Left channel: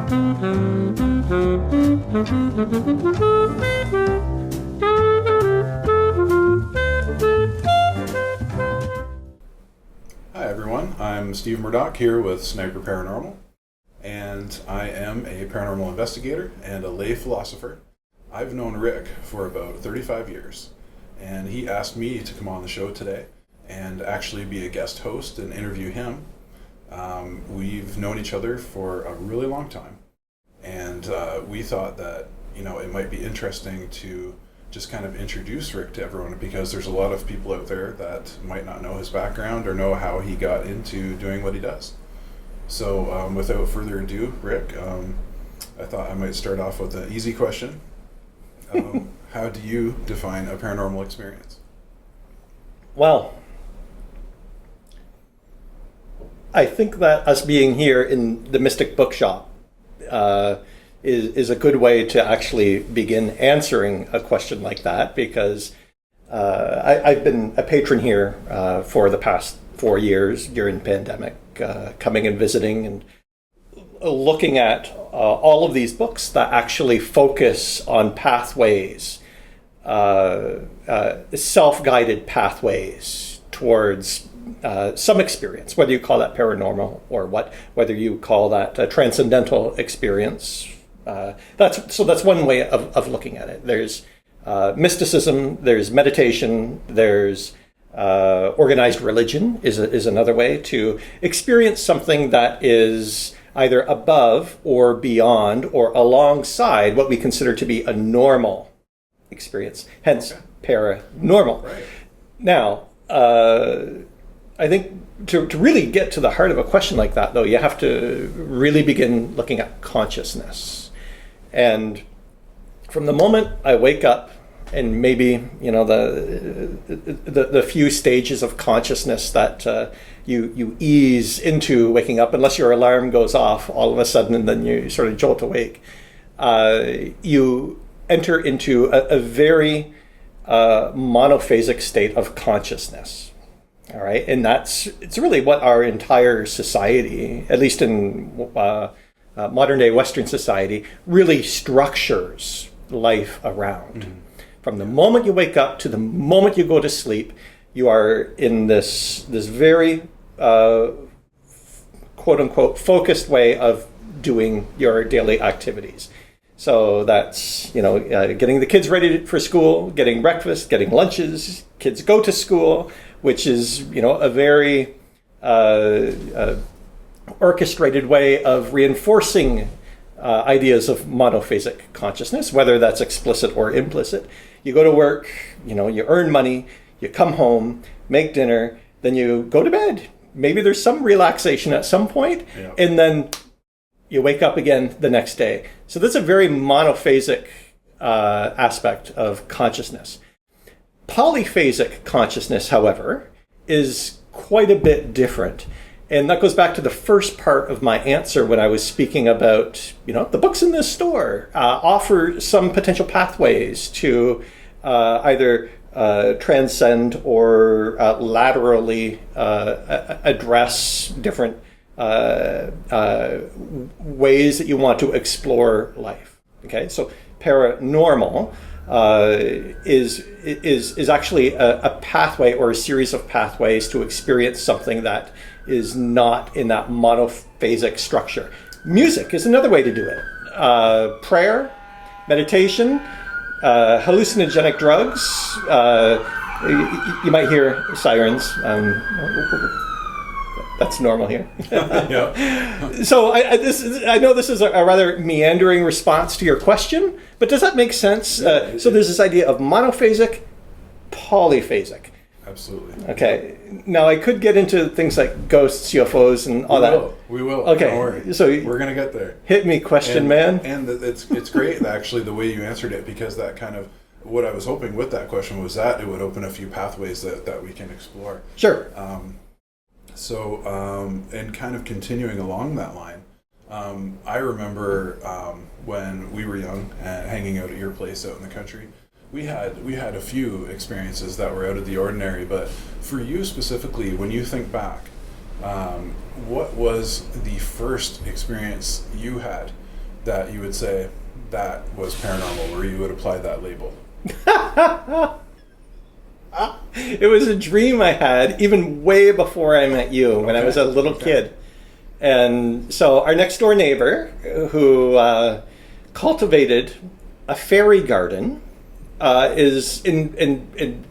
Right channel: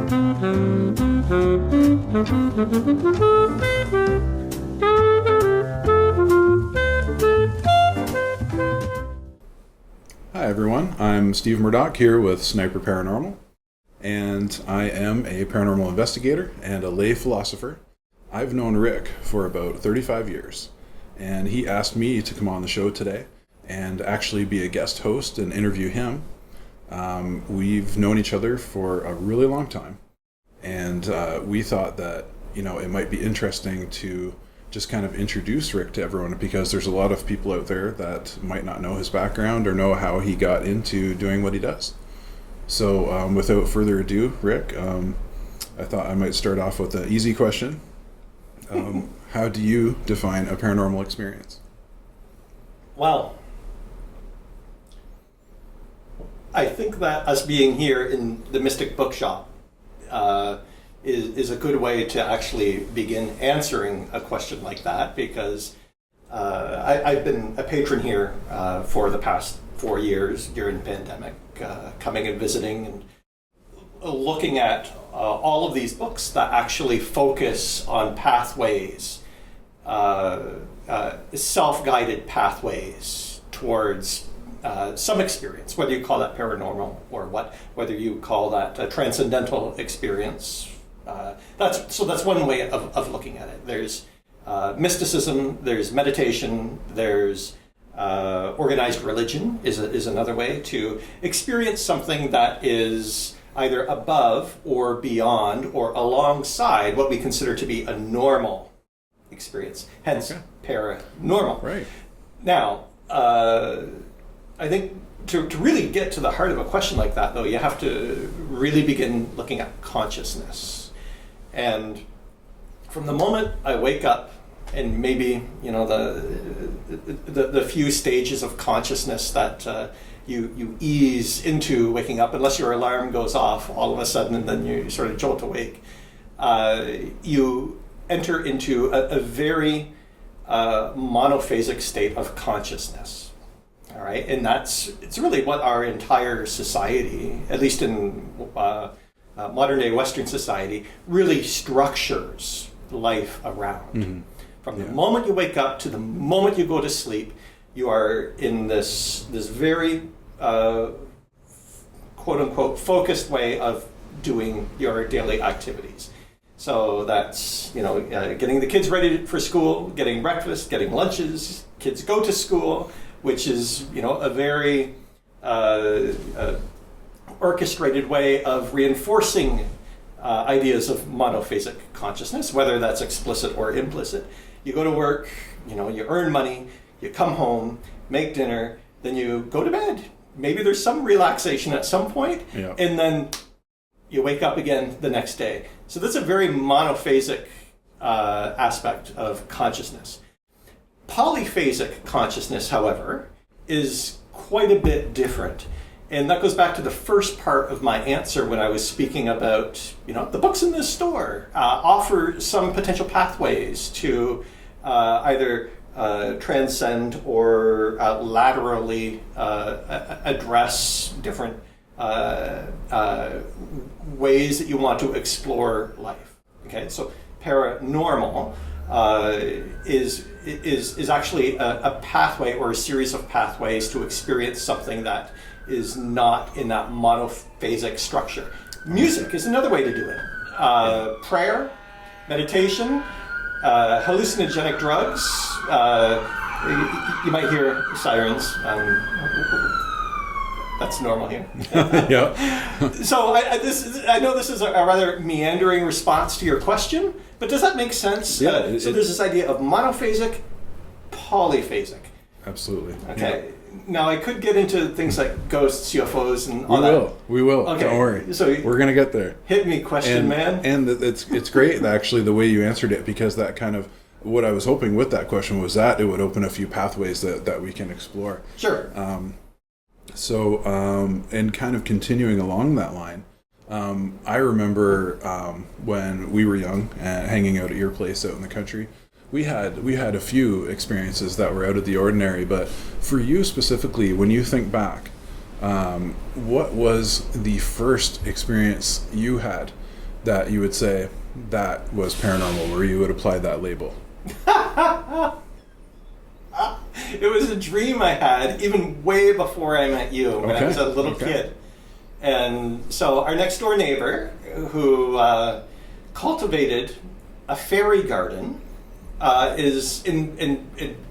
Hi everyone, I'm Steve Murdoch here with SNIPER Paranormal, and I am a paranormal investigator and a lay philosopher. I've known Rick for about 35 years, and he asked me to come on the show today and actually be a guest host and interview him. We've known each other for a really long time, and we thought that, it might be interesting to just kind of introduce Rick to everyone, because there's a lot of people out there that might not know his background or know how he got into doing what he does. So without further ado, Rick, I thought I might start off with an easy question. How do you define a paranormal experience? Well, I think that us being here in the Mystic Bookshop is a good way to actually begin answering a question like that, because I've been a patron here for the past 4 years during the pandemic, coming and visiting and looking at all of these books that actually focus on pathways, self-guided pathways towards some experience, whether you call that paranormal or whether you call that a transcendental experience. That's one way of looking at it. There's mysticism, there's meditation, there's organized religion is another way to experience something that is either above or beyond or alongside what we consider to be a normal experience, hence paranormal. Right. Now, I think to really get to the heart of a question like that, though, you have to really begin looking at consciousness. And from the moment I wake up, and maybe the few stages of consciousness that you ease into waking up, unless your alarm goes off all of a sudden and then you sort of jolt awake, you enter into a very monophasic state of consciousness. All right, and it's really what our entire society, at least in modern day Western society, really structures life around. Mm-hmm. From the moment you wake up to the moment you go to sleep, you are in this very quote unquote focused way of doing your daily activities. So that's getting the kids ready for school, getting breakfast, getting lunches. Kids go to school, which is a very orchestrated way of reinforcing ideas of monophasic consciousness, whether that's explicit or implicit. You go to work, you earn money, you come home, make dinner, then you go to bed. Maybe there's some relaxation at some point, and then you wake up again the next day. So that's a very monophasic aspect of consciousness. Polyphasic consciousness, however, is quite a bit different. And that goes back to the first part of my answer when I was speaking about, the books in this store offer some potential pathways to either transcend or laterally address different ways that you want to explore life. Okay, so paranormal is actually a pathway or a series of pathways to experience something that is not in that monophasic structure. Music is another way to do it. Prayer, meditation, hallucinogenic drugs. You might hear sirens. That's normal here. Yeah. So I know this is a rather meandering response to your question, but does that make sense? Yeah, so there's this idea of monophasic, polyphasic. Absolutely. Okay. Yeah. Now I could get into things like ghosts, UFOs, and all that. We will. Okay. Don't worry. So we're gonna get there. Hit me, question man. And it's great actually the way you answered it, because that kind of what I was hoping with that question was that it would open a few pathways that we can explore. Sure. And kind of continuing along that line, I remember when we were young and hanging out at your place out in the country, we had a few experiences that were out of the ordinary. But for you specifically, when you think back, what was the first experience you had that you would say that was paranormal, or you would apply that label? It was a dream I had even way before I met you, when I was a little kid. And so our next door neighbor, who cultivated a fairy garden,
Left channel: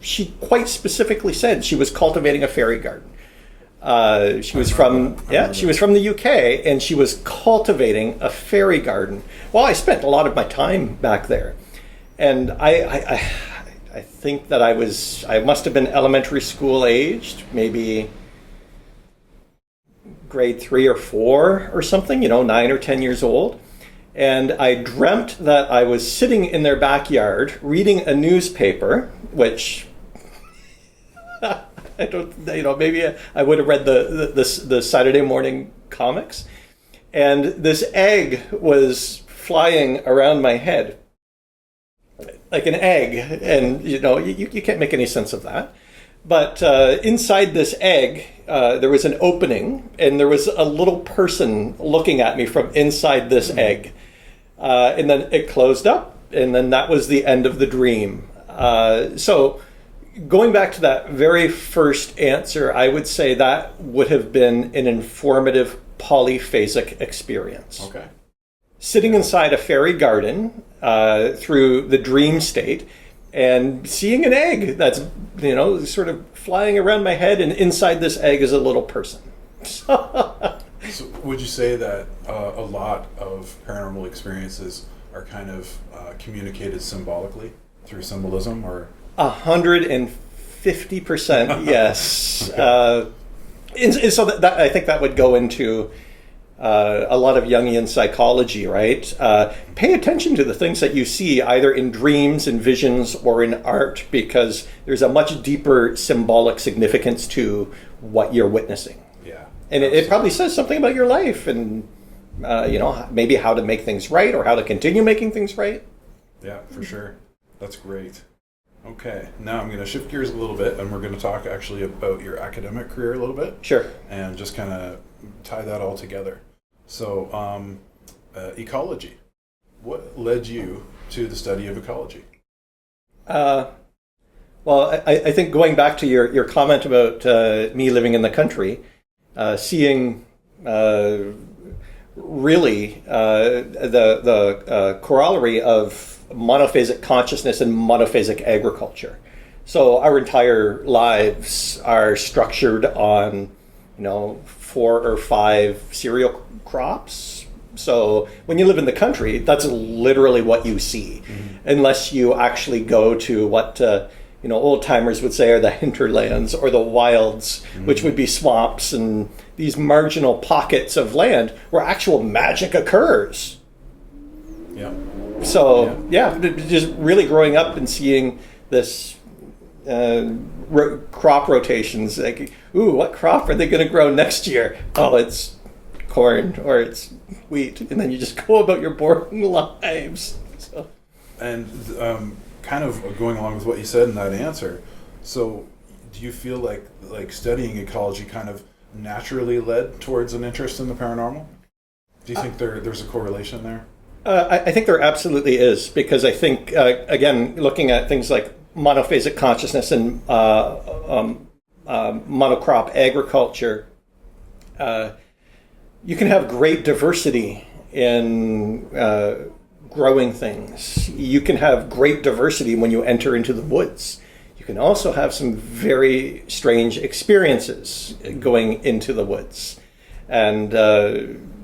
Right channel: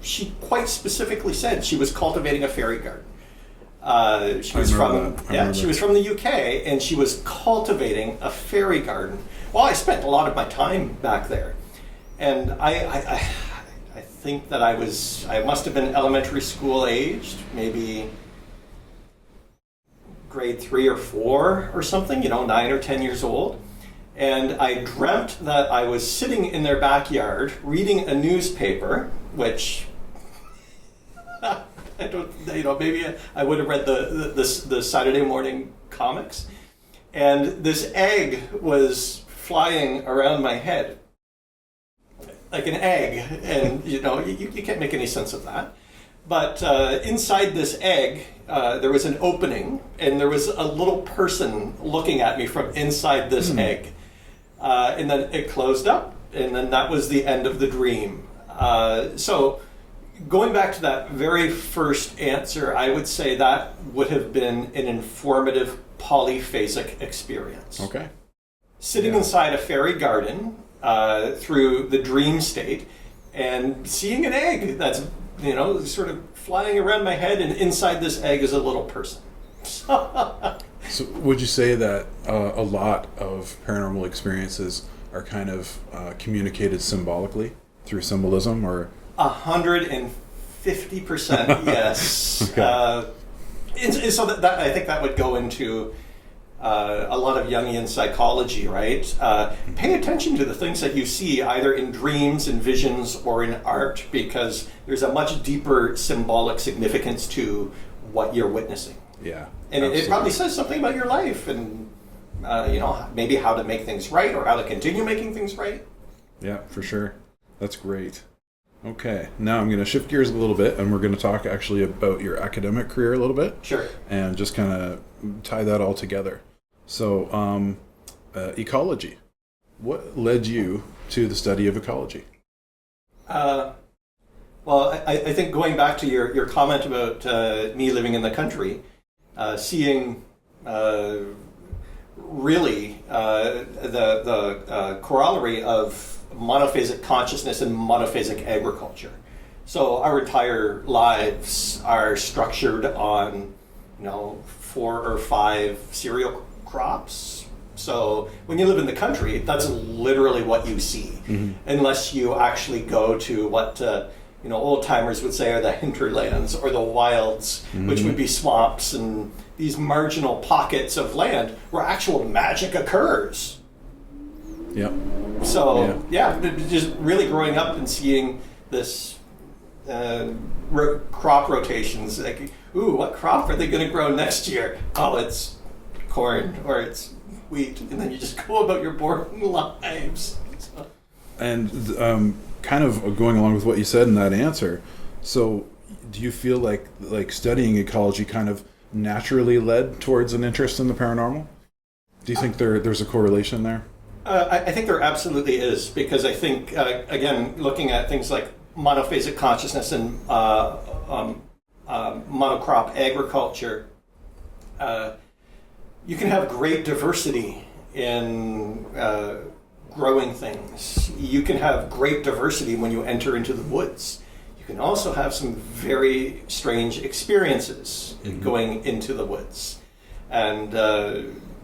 she quite specifically said she was cultivating a fairy garden. She was from the UK, and she was cultivating a fairy garden. Well, I spent a lot of my time back there, and I think that I must have been elementary school aged, maybe grade 3 or 4 or something, 9 or 10 years old. And I dreamt that I was sitting in their backyard reading a newspaper, which I don't, maybe I would have read the Saturday morning comics. And this egg was flying around my head, like an egg. And, you can't make any sense of that. But inside this egg, there was an opening, and there was a little person looking at me from inside this egg. And then it closed up, and then that was the end of the dream. So going back to that very first answer, I would say that would have been an informative polyphasic experience. Okay. Sitting inside a fairy garden through the dream state and seeing an egg that's, sort of flying around my head, and inside this egg is a little person. So would you say that a lot of paranormal experiences are kind of communicated symbolically through symbolism, or? 150%, yes. And so that I think that would go into a lot of Jungian psychology, right? Pay attention to the things that you see either in dreams, in visions, or in art, because there's a much deeper symbolic significance to what you're witnessing. Yeah. And it probably says something about your life, and maybe how to make things right, or how to continue making things right. Yeah, for sure. That's great. Okay, now I'm going to shift gears a little bit, and we're going to talk actually about your academic career a little bit. Sure. And just kind of tie that all together. So, ecology. What led you to the study of ecology? Well, I think going back to your comment about me living in the country, seeing really the corollary of monophasic consciousness and monophasic agriculture. So our entire lives are structured on, 4 or 5 cereal crops. So when you live in the country, that's literally what you see, unless you actually go to what old timers would say are the hinterlands or the wilds, which would be swamps and these marginal pockets of land where actual magic occurs. Yeah. So just really growing up and seeing this crop rotations, like, ooh, what crop are they going to grow next year? Oh, it's corn or it's wheat, and then you just go about your boring lives. So. And kind of going along with what you said in that answer, so do you feel like studying ecology kind of naturally led towards an interest in the paranormal? Do you think there's a correlation there? I think there absolutely is, because I think, again, looking at things like monophasic consciousness and monocrop agriculture, you can have great diversity in growing things. You can have great diversity when you enter into the woods. You can also have some very strange experiences going into the woods. And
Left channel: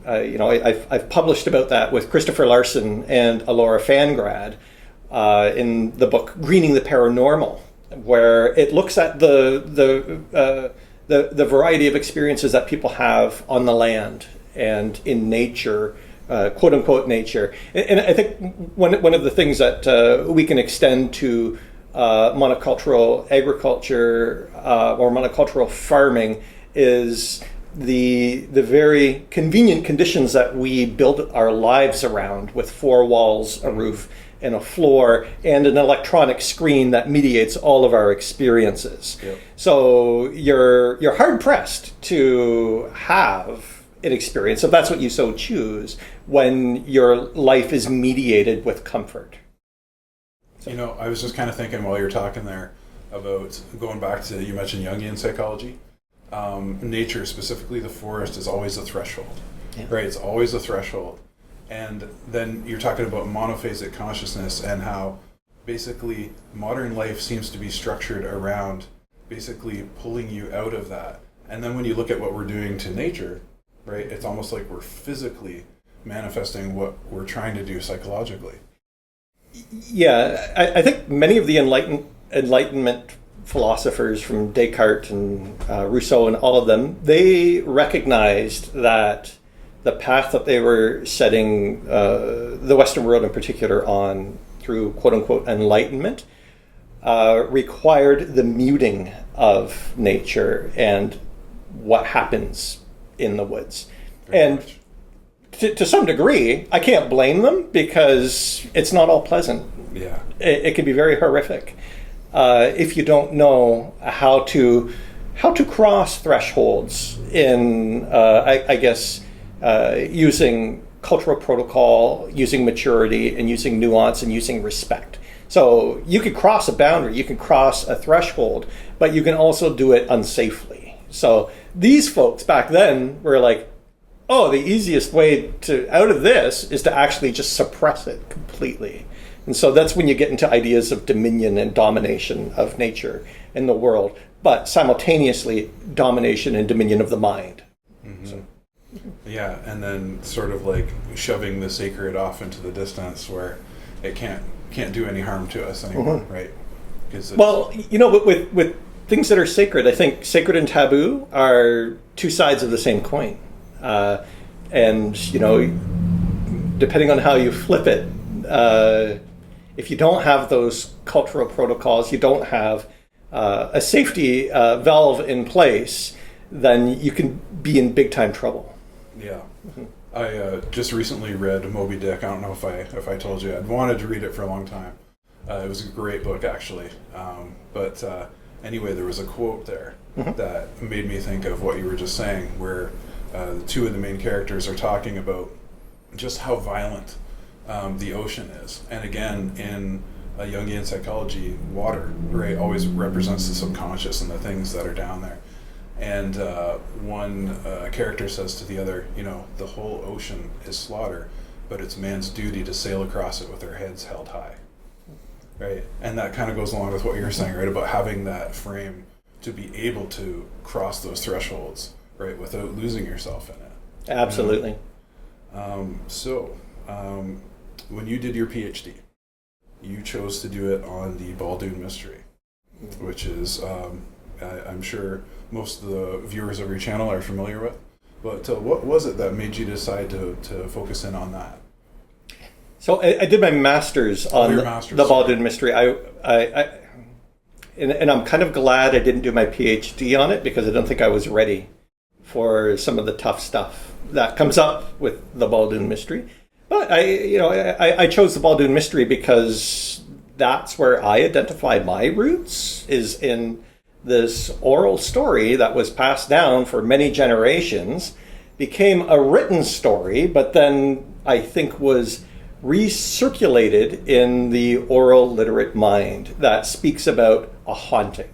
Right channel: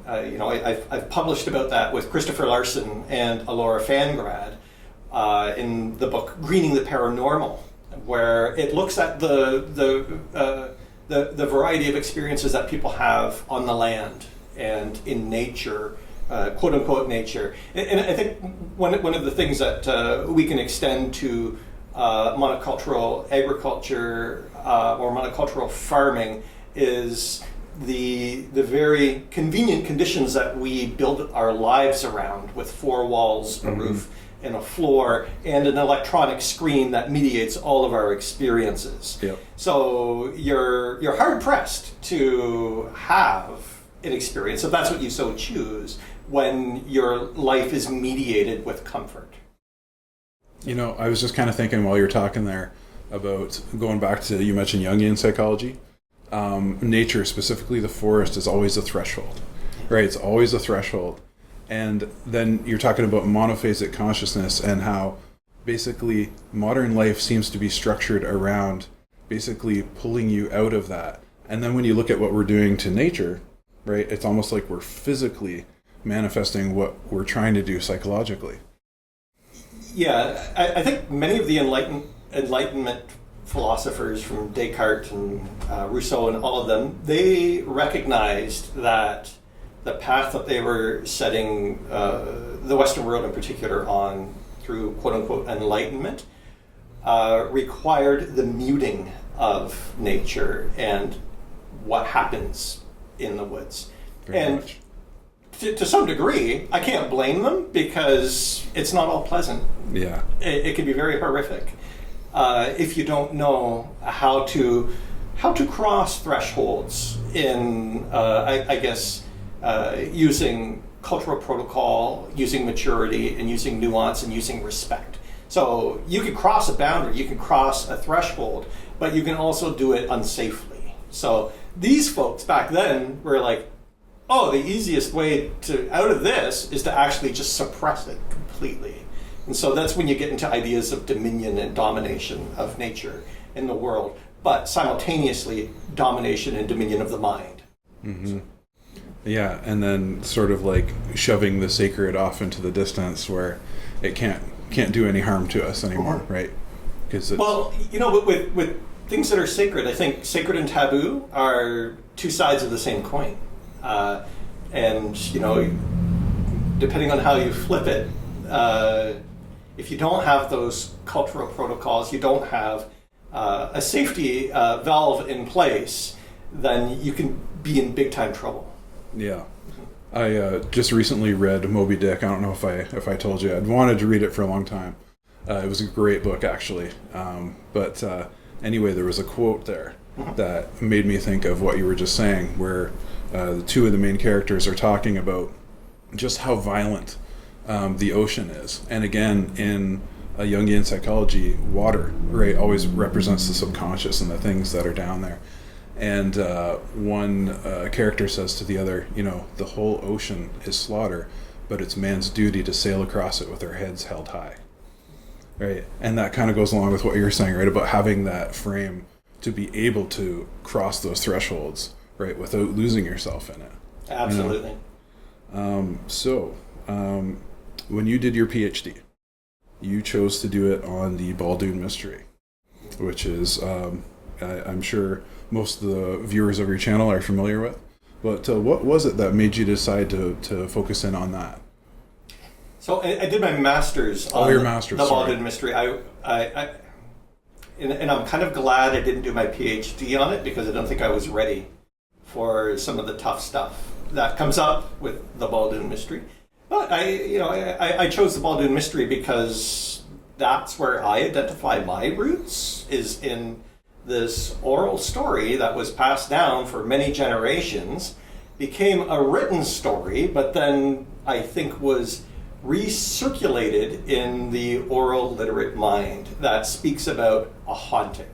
I've published about that with Christopher Larson and Alora Fangrad in the book Greening the Paranormal, where it looks at the variety of experiences that people have on the land and in nature, quote unquote nature. And I think one of the things that we can extend to monocultural agriculture or monocultural farming is the very convenient conditions that we build our lives around, with 4 walls, a roof, and a floor, and an electronic screen that mediates all of our experiences. Yep. So you're hard pressed to have an experience, if that's what you so choose, when your life is mediated with comfort. I was just kind of thinking while you're talking there about going back to, you mentioned Jungian psychology. Nature, specifically the forest, is always a threshold, right? It's always a threshold. And then you're talking about monophasic consciousness and how basically modern life seems to be structured around basically pulling you out of that. And then when you look at what we're doing to nature, right, it's almost like we're physically manifesting what we're trying to do psychologically. Yeah, I think many of the Enlightenment philosophers, from Descartes and Rousseau and all of them, they recognized that the path that they were setting the Western world in particular on through quote-unquote enlightenment required the muting of nature and what happens in the woods. And to some degree, I can't blame them, because it's not all pleasant. Yeah. It can be very horrific if you don't know how to cross thresholds in, I guess, using cultural protocol, using maturity, and using nuance, and using respect. So you can cross a boundary, you can cross a threshold, but you can also do it unsafely. So these folks back then were like, oh, the easiest way out of this is to actually just suppress it completely. And so that's when you get into ideas of dominion and domination of nature in the world, but simultaneously domination and dominion of the mind. Mm-hmm. So. Yeah, and then sort of like shoving the sacred off into the distance where it can't do any harm to us anymore, right? Well, with things that are sacred, I think sacred and taboo are two sides of the same coin. And, depending on how you flip it, if you don't have those cultural protocols, you don't have a safety valve in place, then you can be in big time trouble. Yeah. I just recently read Moby Dick. I don't know if I told you. I'd wanted to read it for a long time. It was a great book, actually. But anyway, there was a quote there that made me think of what you were just saying, where the two of the main characters are talking about just how violent the ocean is. And again, in Jungian psychology, water, right, always represents the subconscious and the things that are down there. And one character says to the other, the whole ocean is slaughter, but it's man's duty to sail across it with our heads held high. Right? And that kind of goes along with what you're saying, right, about having that frame to be able to cross those thresholds, right, without losing yourself in it. Absolutely. So, when you did your PhD, you chose to do it on the Baldoon mystery, which is, I'm sure most of the viewers of your channel are familiar with. But what was it that made you decide to focus in on that? So I did my master's on the Baldoon mystery. And I'm kind of glad I didn't do my PhD on it, because I don't think I was ready for some of the tough stuff that comes up with the Baldoon mystery. But I chose the Baldoon mystery because that's where I identify my roots, is in this oral story that was passed down for many generations, became a written story, but then I think was recirculated in the oral literate mind that speaks about a haunting.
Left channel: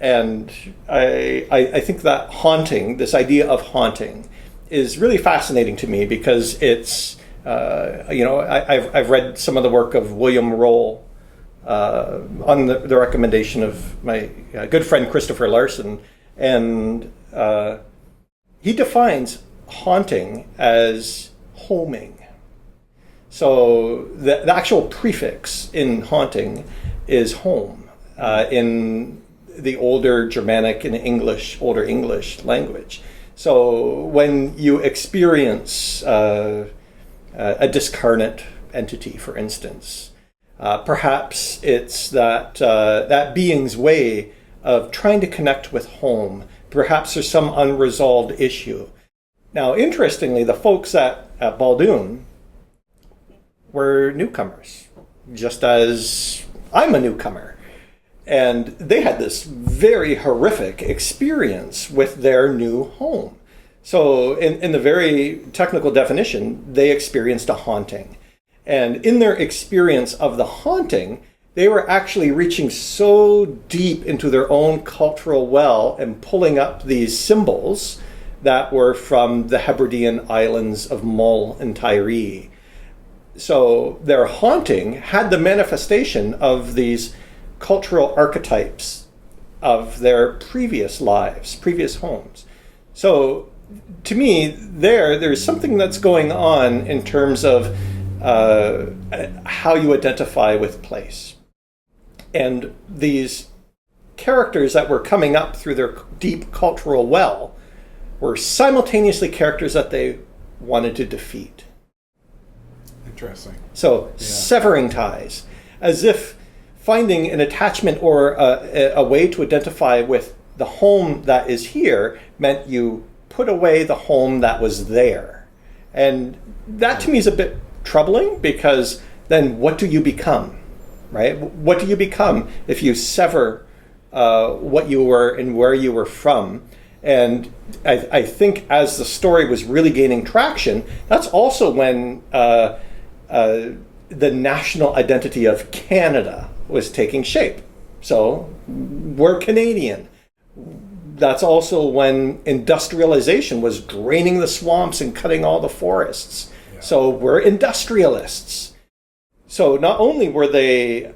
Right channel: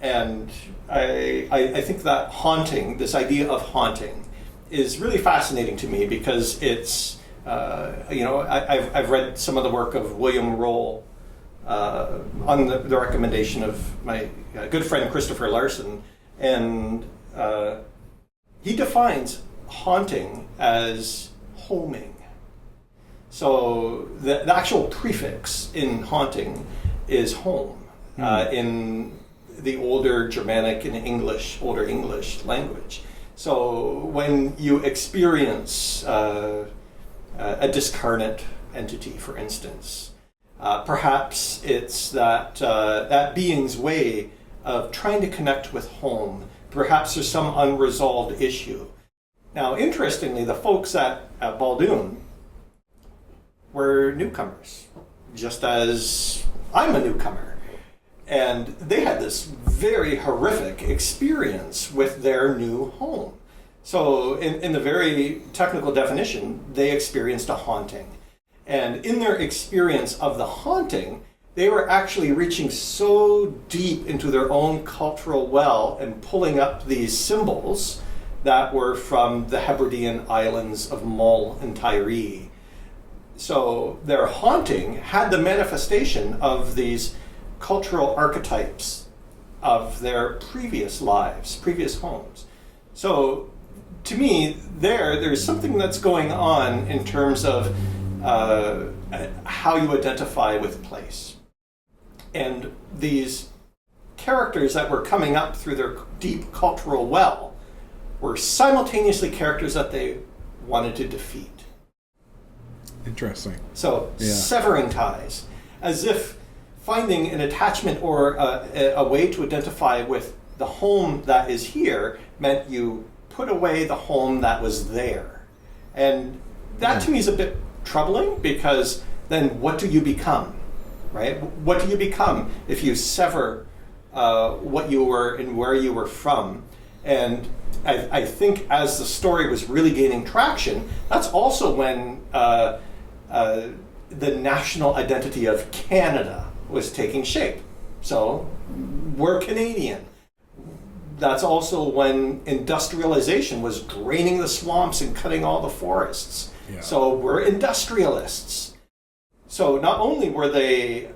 And I think that haunting, this idea of haunting, is really fascinating to me, because it's, I've read some of the work of William Roll on the recommendation of my good friend Christopher Larson, and he defines haunting as homing. So the actual prefix in haunting is home in the older Germanic and older English language. So when you experience a discarnate entity, for instance, perhaps it's that being's way of trying to connect with home. Perhaps there's some unresolved issue. Now, interestingly, the folks at Baldoon were newcomers, just as I'm a newcomer. And they had this very horrific experience with their new home. So in the very technical definition, they experienced a haunting. And in their experience of the haunting, they were actually reaching so deep into their own cultural well and pulling up these symbols that were from the Hebridean islands of Mull and Tiree. So their haunting had the manifestation of these cultural archetypes of their previous lives, previous homes. So to me, there's something that's going on in terms of how you identify with place. And these characters that were coming up through their deep cultural well were simultaneously characters that they wanted to defeat. Interesting. So severing ties, as if finding an attachment or a way to identify with the home that is here meant you put away the home that was there. And that to me is a bit troubling, because then what do you become, right? What do you become if you sever what you were and where you were from? And I think as the story was really gaining traction, that's also when the national identity of Canada was taking shape. So we're Canadian. That's also when industrialization was draining the swamps and cutting all the forests. Yeah. So we're industrialists. So not only were they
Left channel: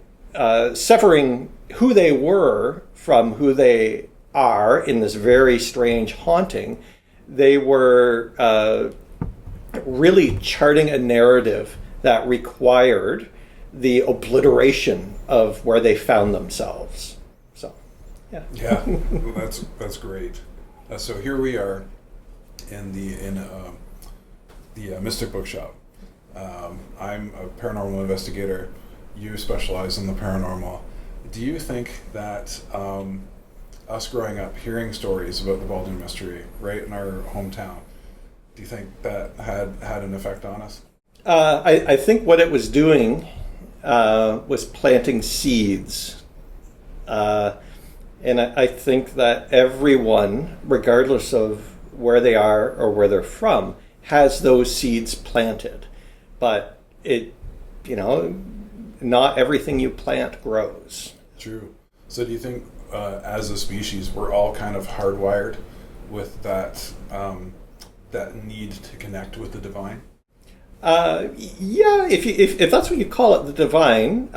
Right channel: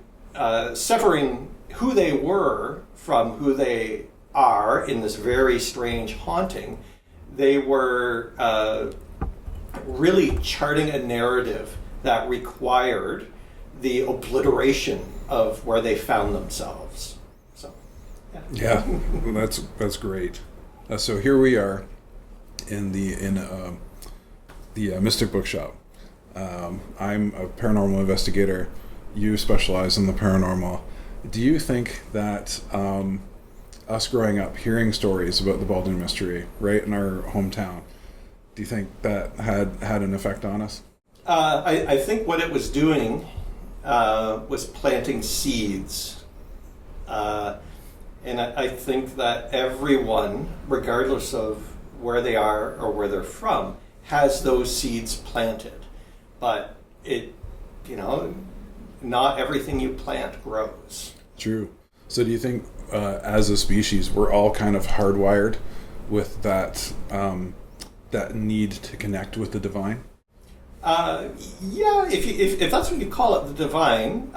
severing who they were from who they are in this very strange haunting, they were really charting a narrative that required the obliteration of where they found themselves. So, yeah, that's great. So here we are in the Mystic Bookshop. I'm a paranormal investigator. You specialize in the paranormal. Do you think that us growing up hearing stories about the Baldwin Mystery right in our hometown, do you think that had an effect on us? I think what it was doing was planting seeds. And I think that everyone, regardless of where they are or where they're from, has those seeds planted. But not everything you plant grows. True. So do you think as a species we're all kind of hardwired with that need to connect with the divine? Yeah, if that's what you call it, the divine.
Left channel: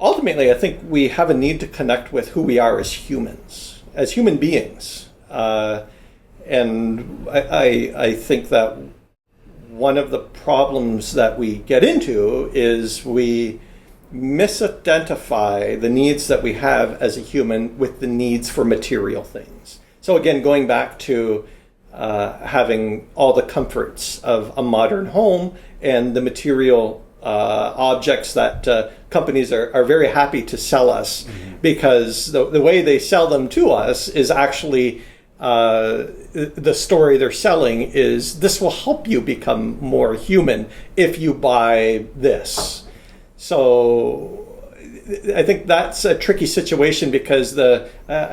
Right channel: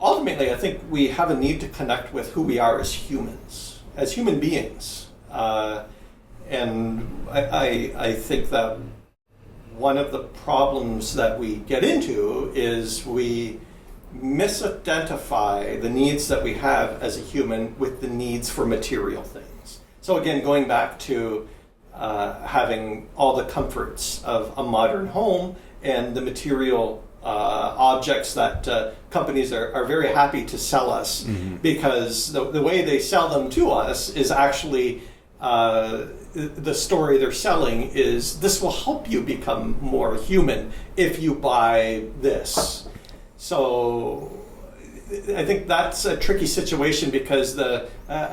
Ultimately, I think we have a need to connect with who we are as humans, as human beings. And I think that one of the problems that we get into is we misidentify the needs that we have as a human with the needs for material things. So again, going back to having all the comforts of a modern home and the material objects that companies are very happy to sell us, mm-hmm. because the way they sell them to us is actually the story they're selling is this will help you become more human if you buy this. So I think that's a tricky situation, because I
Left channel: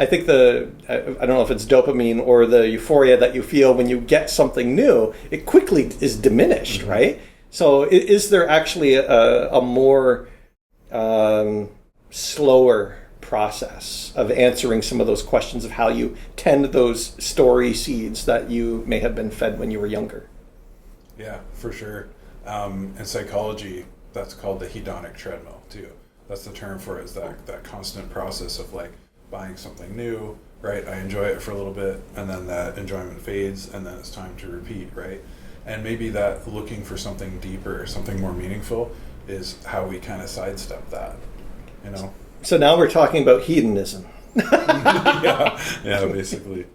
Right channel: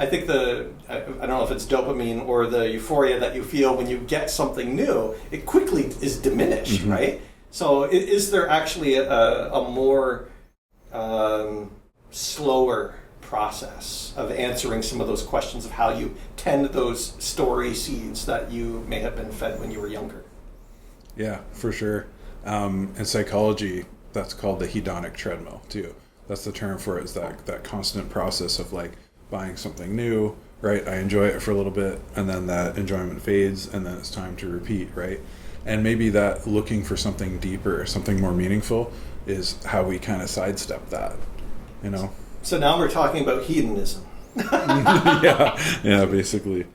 don't know if it's dopamine or the euphoria that you feel when you get something new, it quickly is diminished, mm-hmm. right? So is there actually a more slower process of answering some of those questions of how you tend those story seeds that you may have been fed when you were younger? Yeah, for sure. In psychology, that's called the hedonic treadmill too. That's the term for it, is that constant process of like buying something new, right? I enjoy it for a little bit, and then that enjoyment fades, and then it's time to repeat, right? And maybe that looking for something deeper, something more meaningful, is how we kind of sidestep that, you know? So now we're talking about hedonism. yeah, basically.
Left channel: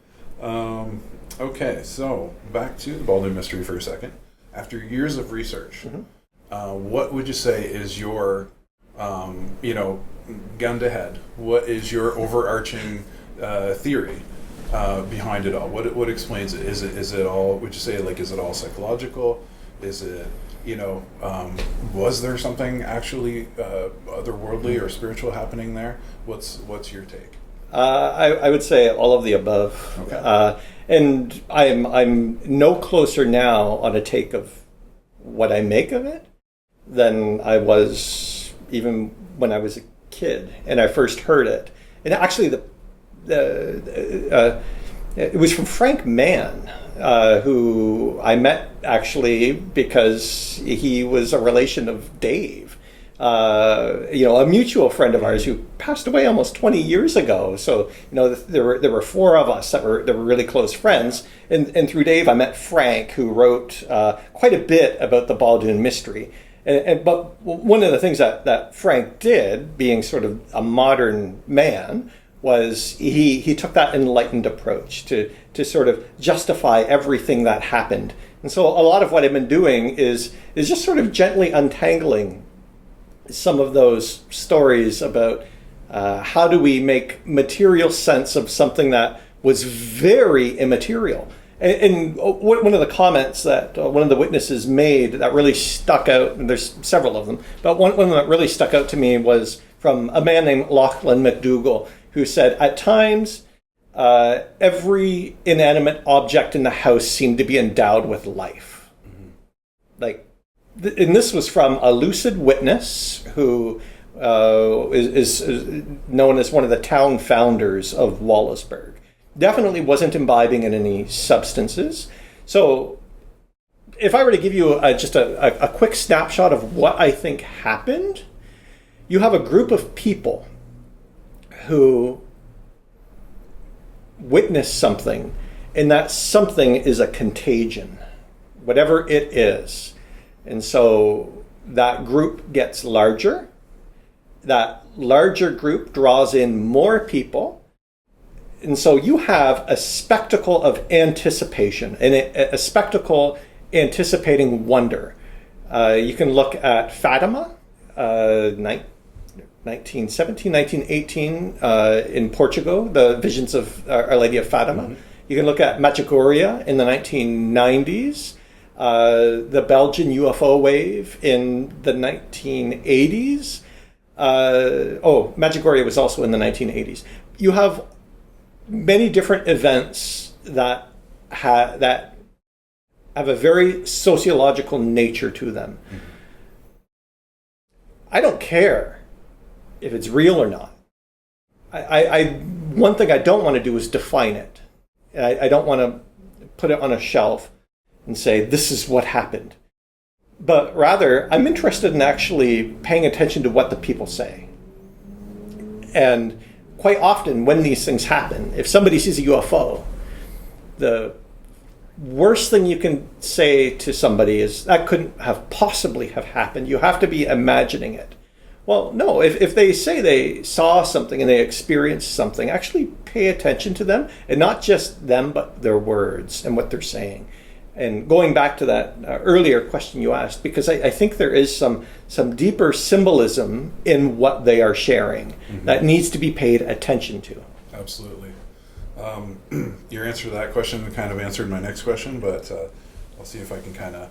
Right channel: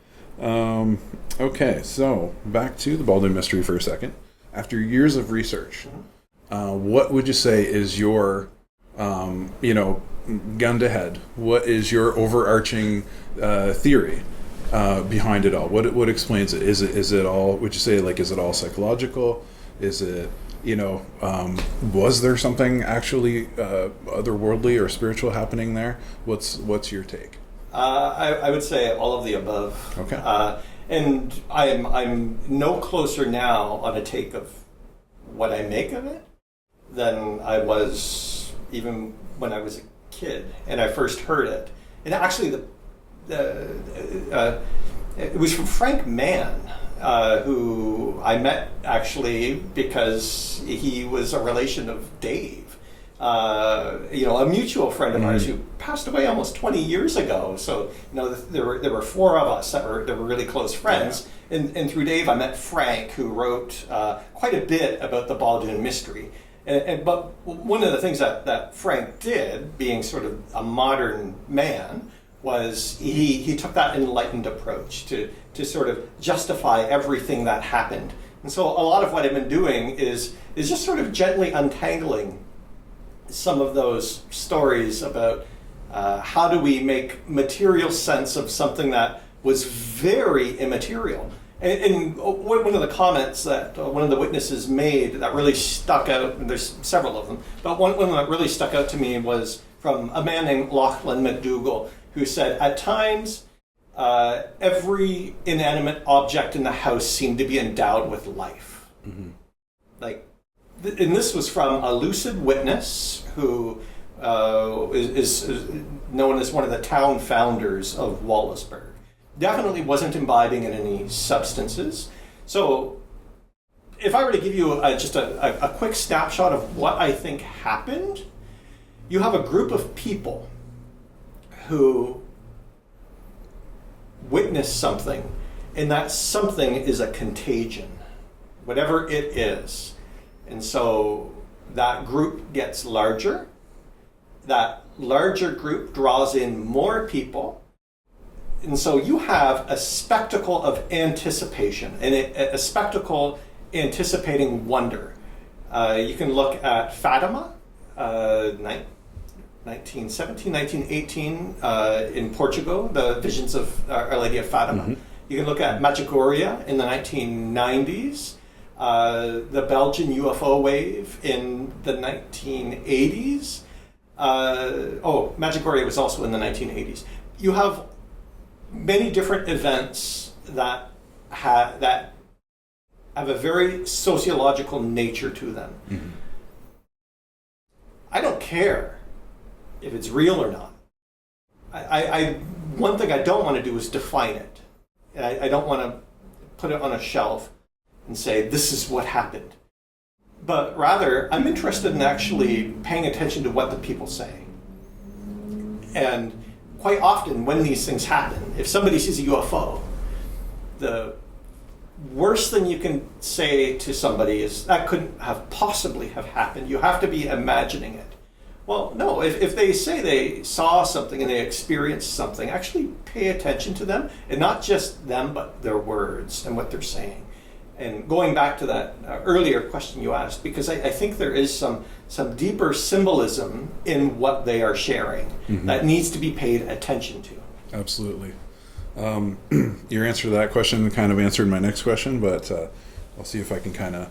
Okay, so back to the Baldwin Mystery for a second. After years of research, mm-hmm. What would you say is your, gun to head, what is your overarching theory behind it all? What explains it? Is it all, would you say, like, is it all psychological? Is it, was there something actually otherworldly or spiritual happening there? What's your take? I would say all of the above. Okay. And I'm no closer now on a take of what I make of it than I was even when I was a kid and I first heard it. And actually, it was from Frank Mann, who I met actually because he was a relation of Dave. A mutual friend of ours who passed away almost 20 years ago. So, there were four of us that were really close friends. Yeah. And through Dave, I met Frank, who wrote quite a bit about the Baldoon mystery. But one of the things that Frank did, being sort of a modern man, was he took that enlightened approach to sort of justify everything that happened. And so a lot of what I've been doing is just sort of gently untangling some of those stories about how do we make material sense of something that was very immaterial. And one of the comments that one of the witnesses made that really stuck out, and there's several of them, but one that really stuck out to me was from a man named Lachlan McDougall, who said, at times, every inanimate object in the house seemed to be endowed with life. Mm-hmm. And this was from a lucid witness who is known as one of the town founders of Wallaceburg. Definitely wasn't imbibing in any substances. So if I were to give you just a quick snapshot of what I think happened, you have a group of people who witness something, and that something is a contagion, whatever it is. And so that group gets larger. That larger group draws in more people. And so you have a spectacle of anticipation, and a spectacle anticipating wonder. You can look at Fatima, 1917, 1918 in Portugal, the visions of Our Lady of Fatima. Mm-hmm. You can look at Medjugorje in the 1990s, the Belgian UFO wave in the 1980s. Medjugorje was also in the 1980s. You have many different events that have a very sociological nature to them. Mm-hmm. I don't care if it's real or not. One thing I don't want to do is define it. I don't want to put it on a shelf and say, this is what happened. But rather, I'm interested in actually paying attention to what the people say. And quite often when these things happen, if somebody sees a UFO, the worst thing you can say to somebody is, that couldn't have possibly have happened. You have to be imagining it. Well, no, if they say they saw something and they experienced something, actually pay attention to them, and not just them, but their words and what they're saying. And going back to that earlier question you asked, because I think there is some deeper symbolism in what they are sharing mm-hmm. that needs to be paid attention to. Absolutely. Your answer to that question kind of answered my next question, but I'll see if I can kind of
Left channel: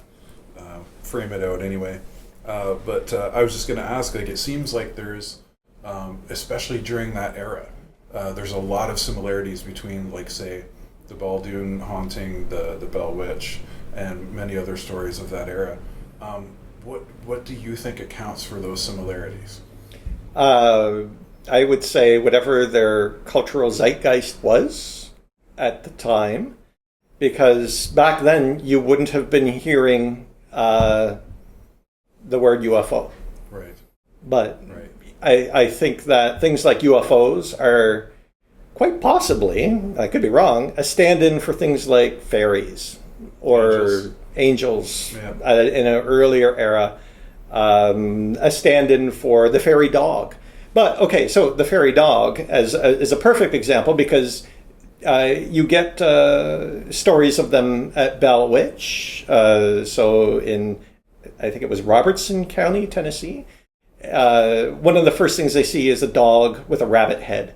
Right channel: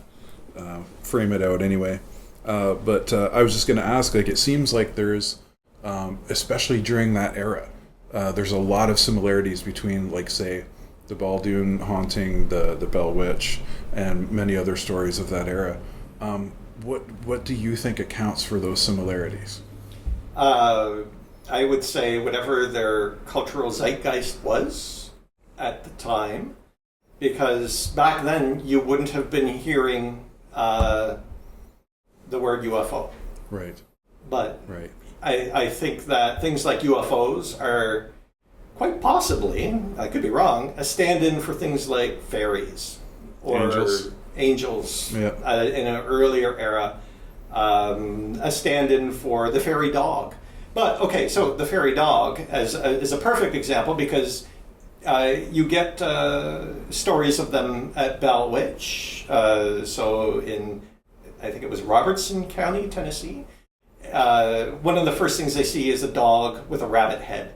frame it out anyway. But I was just going to ask, it seems like there's, especially during that era, there's a lot of similarities between, say, the Baldoon haunting, the Bell Witch, and many other stories of that era. What do you think accounts for those similarities? I would say whatever their cultural zeitgeist was at the time, because back then you wouldn't have been hearing the word UFO. Right. But right. I think that things like UFOs are quite possibly, I could be wrong, a stand-in for things like fairies or angels yep. In an earlier era, a stand-in for the fairy dog. But, okay, so the fairy dog is a perfect example because you get stories of them at Bell Witch, so in, I think it was Robertson County, Tennessee. One of the first things they see is a dog with a rabbit head.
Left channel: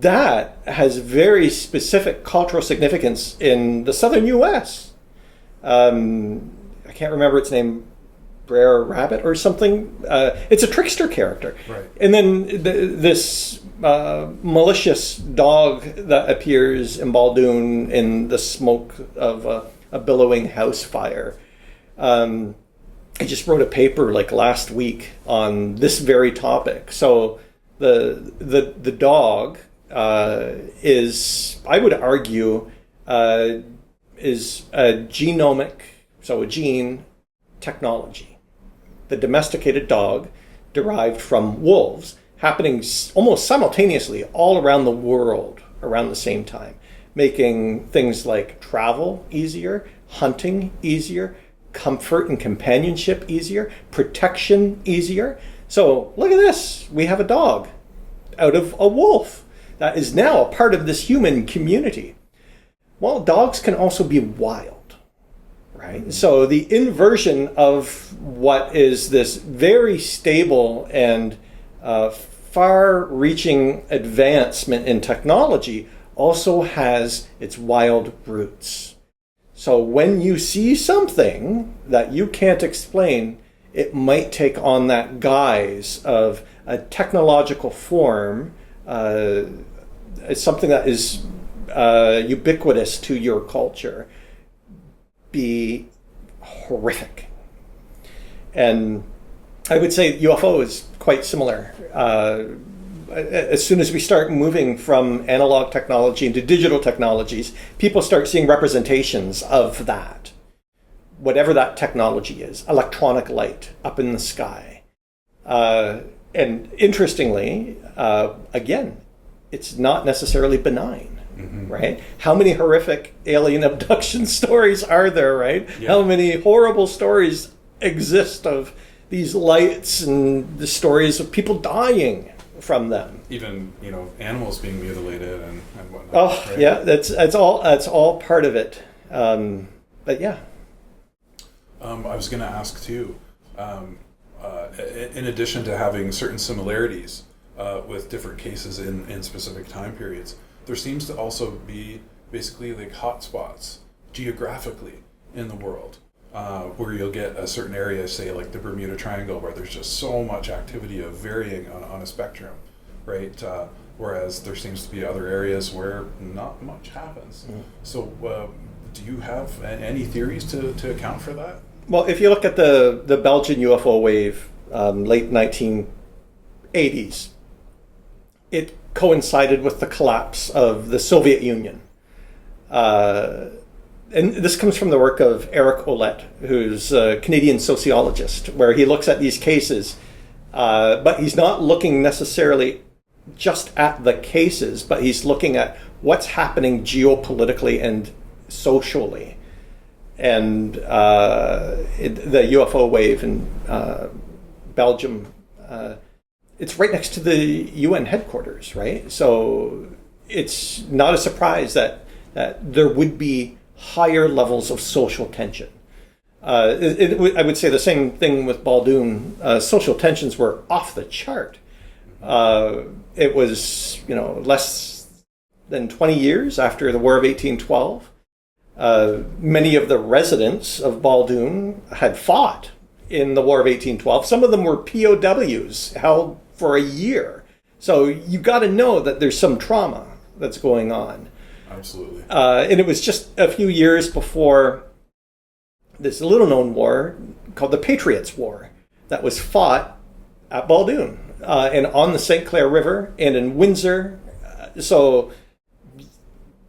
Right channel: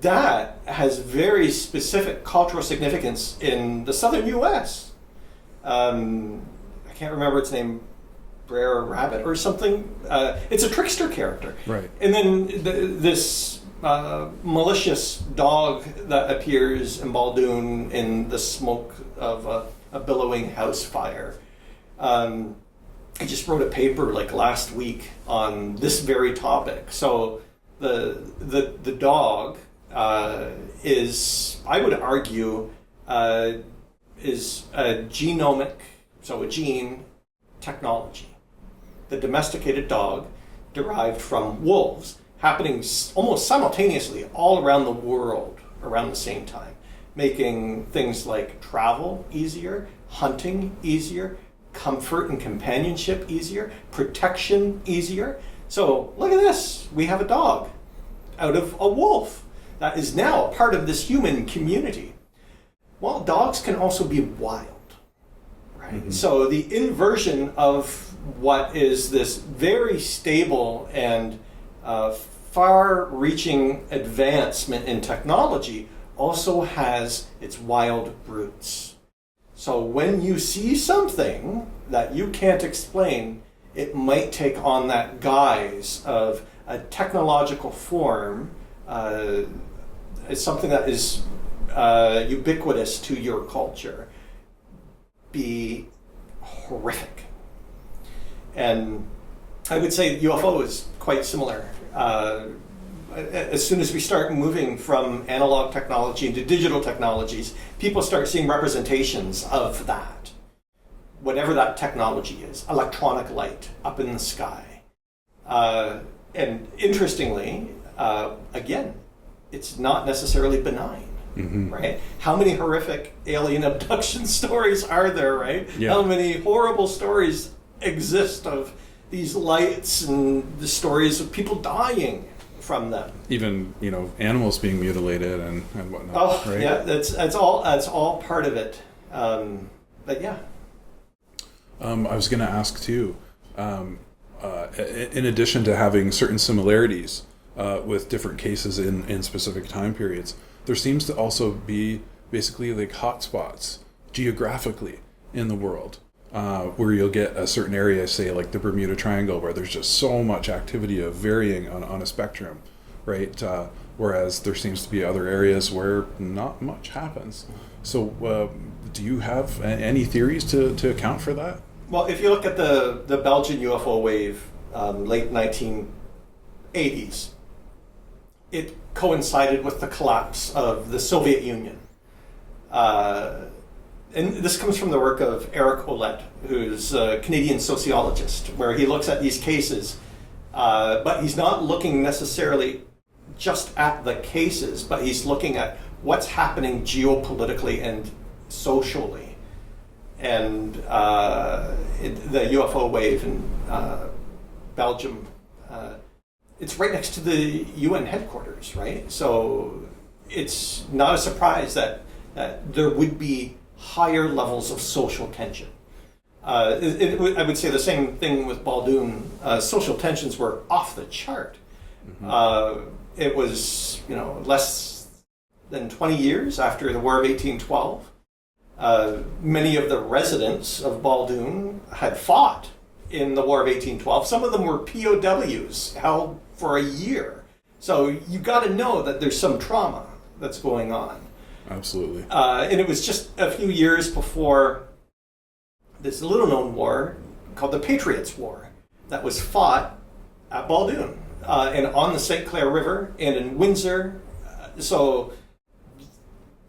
That has very specific cultural significance in the southern U.S. I can't remember its name. Brer Rabbit or something. It's a trickster character. Right. And then this malicious dog that appears in Baldoon in the smoke of a billowing house fire. I just wrote a paper like last week on this very topic. So the dog is, I would argue, is a genomic, so a gene technology. The domesticated dog derived from wolves, happening almost simultaneously all around the world around the same time, making things like travel easier, hunting easier, comfort and companionship easier, protection easier. So look at this. We have a dog out of a wolf that is now a part of this human community. Well, dogs can also be wild, right? Mm-hmm. So the inversion of what is this very stable and far-reaching advancement in technology also has its wild roots. So when you see something that you can't explain, it might take on that guise of a technological form. It's something that is ubiquitous to your culture. Be horrific. And I would say UFO is quite similar. As soon as we start moving from analog technology into digital technologies, people start seeing representations of that. Whatever that technology is, electronic light up in the sky. And interestingly, again, it's not necessarily benign, mm-hmm. right? How many horrific alien abduction stories are there, right? Yeah. How many horrible stories exist of these lights and the stories of people dying from them? Even, animals being mutilated and whatnot. Oh, right? Yeah, that's all part of it. But yeah. I was going to ask too, in addition to having certain similarities with different cases in specific time periods, there seems to also be basically like hotspots geographically in the world where you'll get a certain area, say like the Bermuda Triangle, where there's just so much activity of varying on a spectrum, right? Whereas there seems to be other areas where not much happens. Mm-hmm. So do you have any theories to account for that? Well, if you look at the Belgian UFO wave, late 1980s, it coincided with the collapse of the Soviet Union. And this comes from the work of Eric Ouellette, who's a Canadian sociologist, where he looks at these cases, but he's not looking necessarily just at the cases, but he's looking at what's happening geopolitically and socially. And the UFO wave in Belgium, it's right next to the UN headquarters, right? So it's not a surprise that there would be higher levels of social tension. I would say the same thing with Baldoon. Social tensions were off the chart. Mm-hmm. It was, less than 20 years after the War of 1812. Many of the residents of Baldoon had fought in the War of 1812. Some of them were POWs held for a year. So you got to know that there's some trauma that's going on. Absolutely. And it was just a few years before this little-known war called the Patriots' War that was fought at Baldoon and on the St. Clair River and in Windsor. So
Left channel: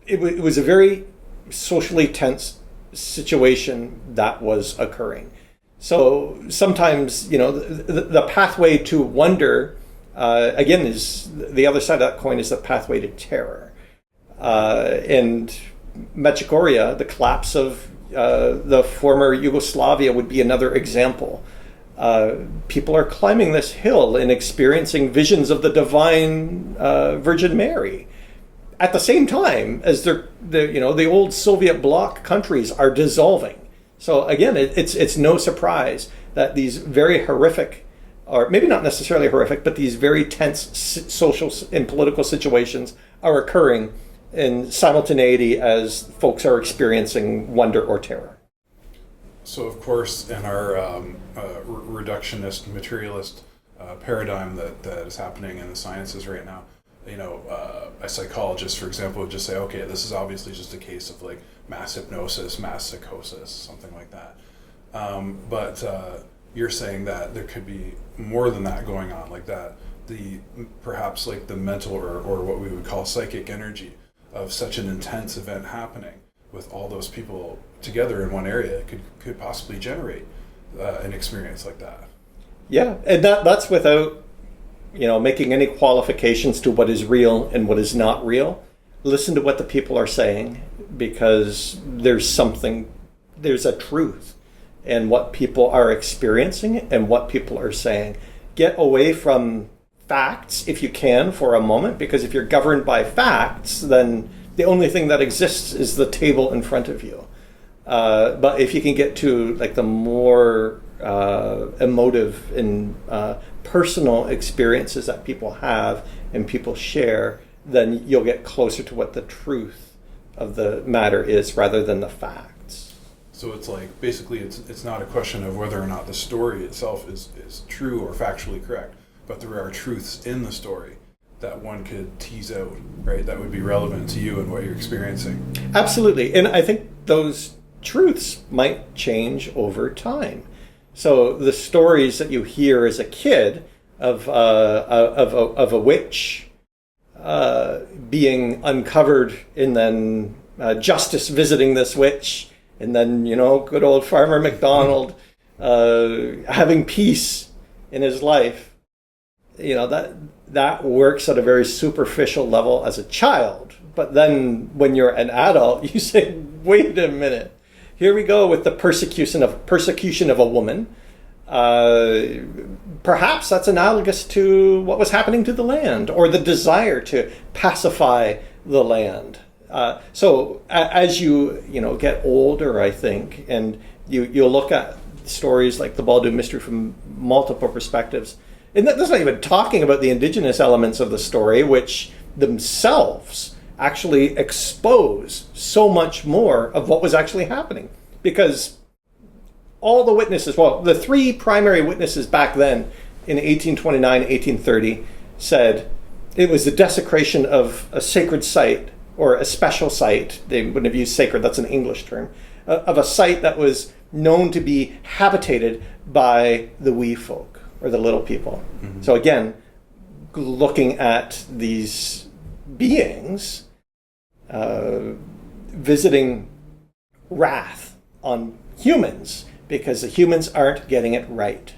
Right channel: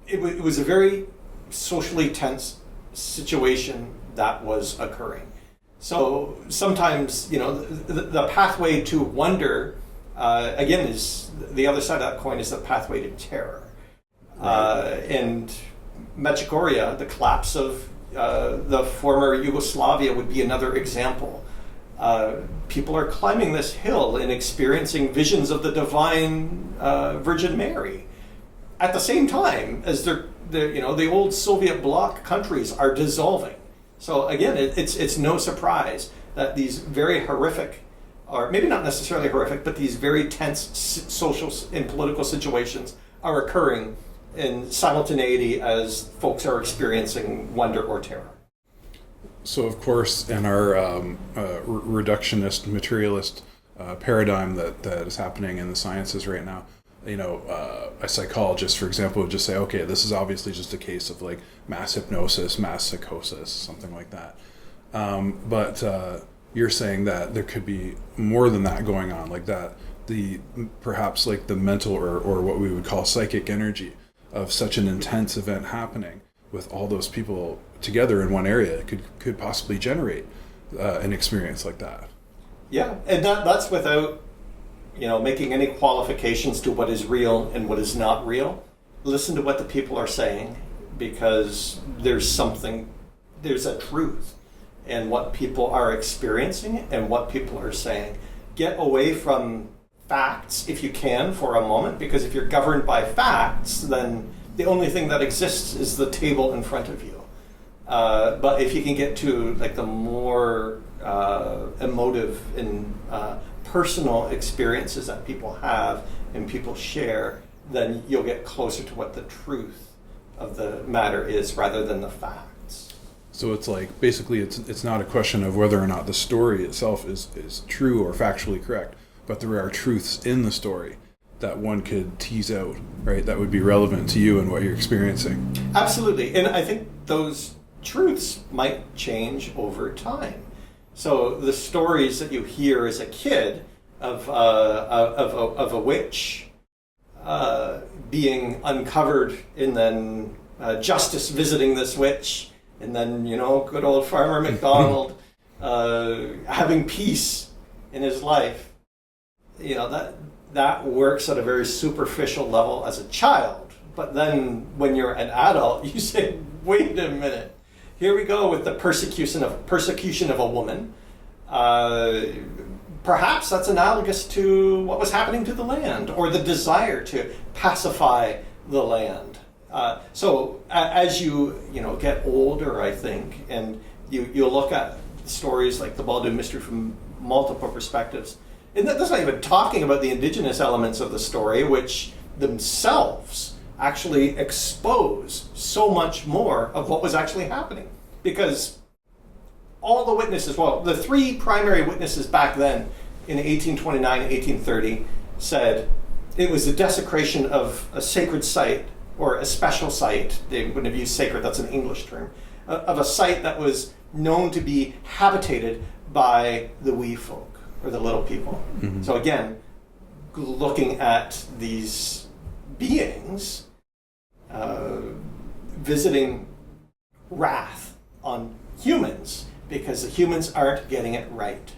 it was a very socially tense situation that was occurring. So sometimes, the pathway to wonder, again, is the other side of that coin is the pathway to terror. And Medjugorje, the collapse of the former Yugoslavia, would be another example. People are climbing this hill and experiencing visions of the divine Virgin Mary at the same time as the old Soviet bloc countries are dissolving. So again, it's no surprise that these very horrific, or maybe not necessarily horrific, but these very tense social and political situations are occurring in simultaneity as folks are experiencing wonder or terror. So, of course, in our reductionist, materialist paradigm that is happening in the sciences right now, a psychologist, for example, would just say, okay, this is obviously just a case of like mass hypnosis, mass psychosis, something like that. But you're saying that there could be more than that going on, like that, perhaps like the mental or what we would call psychic energy of such an intense event happening with all those people together in one area could possibly generate an experience like that. Yeah, and that's without making any qualifications to what is real and what is not real. Listen to what the people are saying, because there's a truth in what people are experiencing and what people are saying. Get away from facts if you can for a moment, because if you're governed by facts, then the only thing that exists is the table in front of you. But if you can get to like the more emotive and personal experiences that people have and people share, then you'll get closer to what the truth of the matter is rather than the facts. So it's like, basically it's not a question of whether or not the story itself is true or factually correct, but there are truths in the story that one could tease out, right? That would be relevant to you and what you're experiencing. Absolutely. And I think those truths might change over time. So the stories that you hear as a kid of a witch being uncovered, and then justice visiting this witch, and then good old Farmer McDonald having peace in his life, that works at a very superficial level as a child. But then when you're an adult, you say, wait a minute. Here we go with the persecution of a woman. Perhaps that's analogous to what was happening to the land, or the desire to pacify the land. So as you get older, I think, and you look at stories like the Baldu mystery from multiple perspectives, and that's not even talking about the indigenous elements of the story, which themselves actually expose so much more of what was actually happening. Because all the witnesses, the three primary witnesses back then in 1829, 1830 said it was the desecration of a sacred site, or a special site. They wouldn't have used sacred, that's an English term, of a site that was known to be habitated by the wee folk, or the little people. Mm-hmm. So again, looking at these beings visiting wrath on humans because the humans aren't getting it right.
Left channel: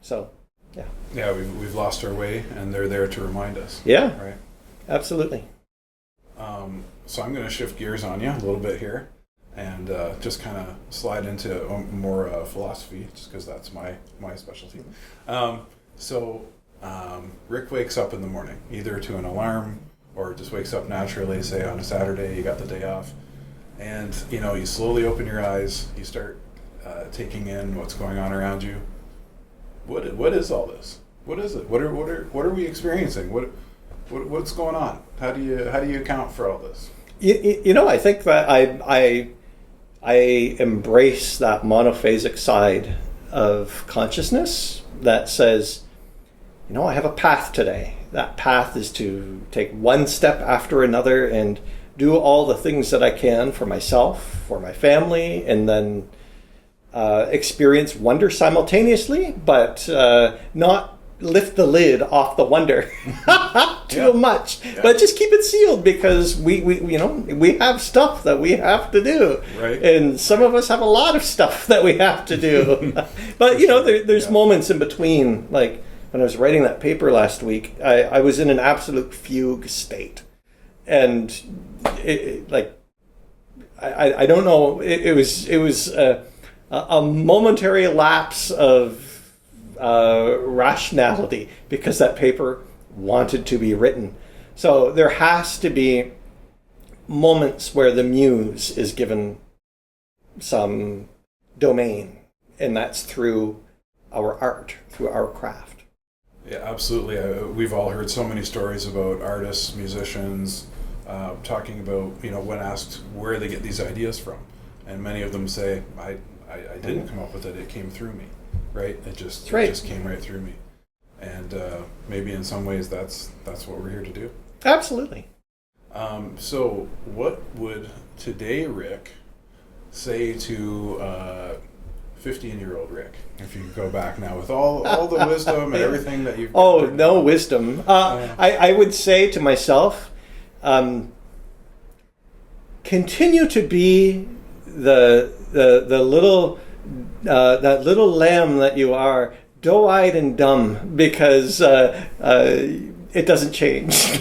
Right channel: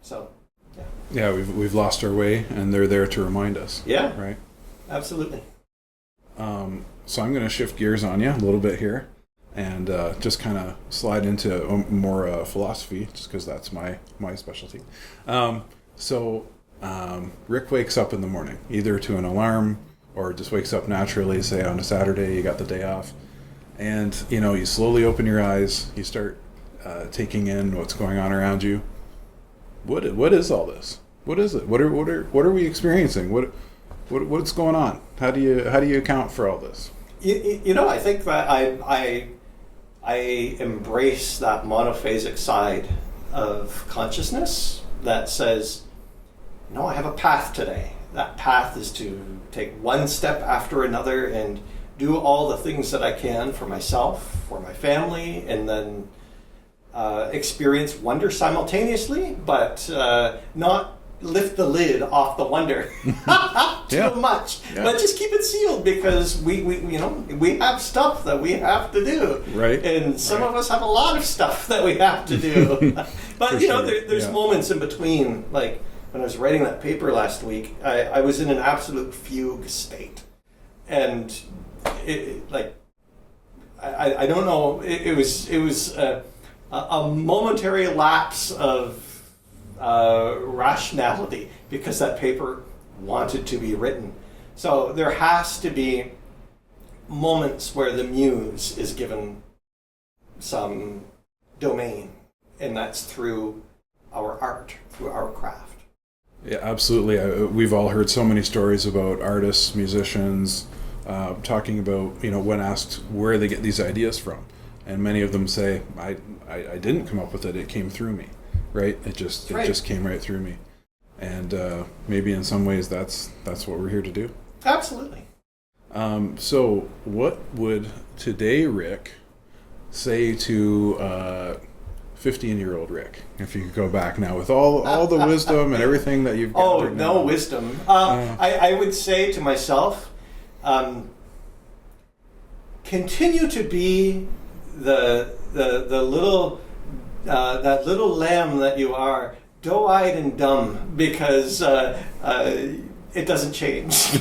So, yeah. Yeah, we've lost our way, and they're there to remind us. Yeah. Right? Absolutely. So I'm going to shift gears on you a little bit here, and just kind of slide into more philosophy, just because that's my specialty. Rick wakes up in the morning, either to an alarm or just wakes up naturally, say on a Saturday, you got the day off. And, you slowly open your eyes, you start taking in what's going on around you. What is all this? What is it? What are we experiencing? What's going on? How do you account for all this? I think that I embrace that monophasic side of consciousness that says, I have a path today. That path is to take one step after another and do all the things that I can for myself, for my family, and then experience wonder simultaneously, but not lift the lid off the wonder too much. Yeah. But just keep it sealed, because we have stuff that we have to do. Right. And some of us have a lot of stuff that we have to do. But there's moments in between, like when I was writing that paper last week, I was in an absolute fugue state. And I don't know, it was a momentary lapse of rationality, because that paper wanted to be written. So there has to be moments where the muse is given some domain, and that's through our art, through our craft. Yeah, absolutely. We've all heard so many stories about artists, musicians, talking about, when asked where they get these ideas from. And many of them say, I didn't come up with it. It came through me, right? It just came right through me. And maybe in some ways that's what we're here to do. Absolutely. So what would today Rick say to 15-year-old Rick, if you could go back now with all the wisdom and everything that you've Oh, no wisdom. I would say to myself, continue to be the little that little lamb that you are, doe-eyed and dumb, because it doesn't change.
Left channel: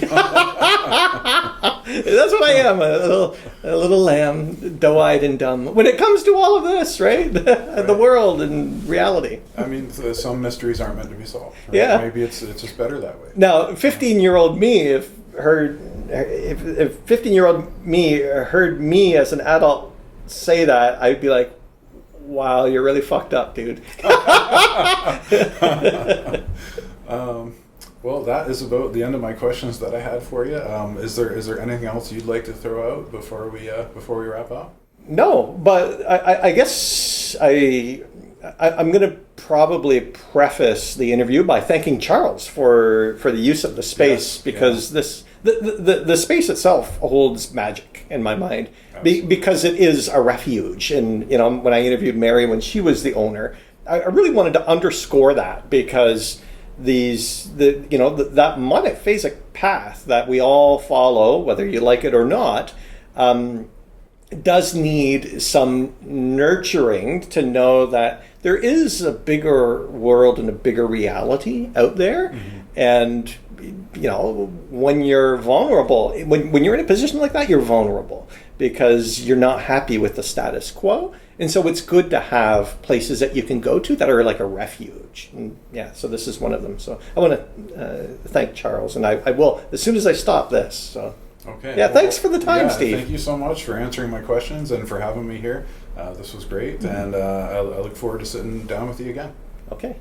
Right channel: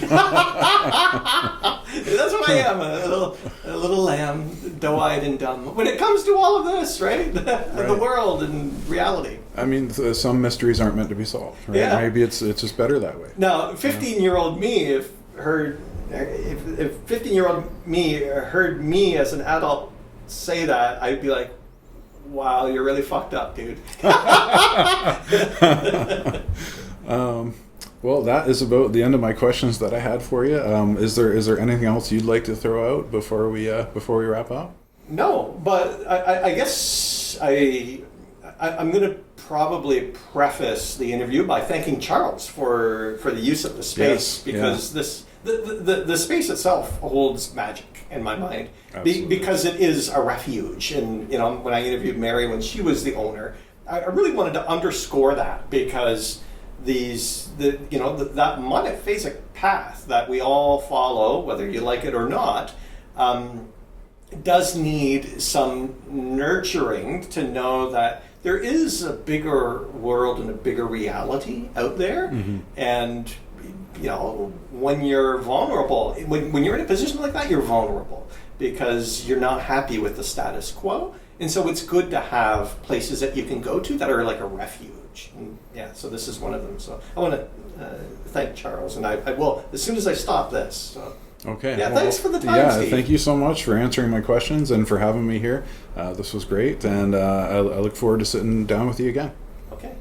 That's what I am, a little lamb, doe-eyed and dumb. When it comes to all of this, right? The world and reality. I mean, some mysteries aren't meant to be solved. Right? Yeah. Maybe it's just better that way. Now, 15-year-old me, if 15-year-old me heard me as an adult say that, I'd be like, wow, you're really fucked up, dude. Well, that is about the end of my questions that I had for you. Is there anything else you'd like to throw out before we wrap up? No, but I guess I'm going to probably preface the interview by thanking Charles for the use of the space, because the space itself holds magic in my mind, because it is a refuge. And when I interviewed Mary when she was the owner, I really wanted to underscore that, because that monophasic path that we all follow, whether you like it or not, does need some nurturing to know that there is a bigger world and a bigger reality out there. Mm-hmm. And when you're vulnerable, when you're in a position like that, you're vulnerable because you're not happy with the status quo. And so it's good to have places that you can go to that are like a refuge. And so this is one of them. So I want to thank Charles, and I will as soon as I stop this. So. Okay. Yeah, thanks for the time, Steve. Thank you so much for answering my questions and for having me here. This was great, and I look forward to sitting down with you again. Okay.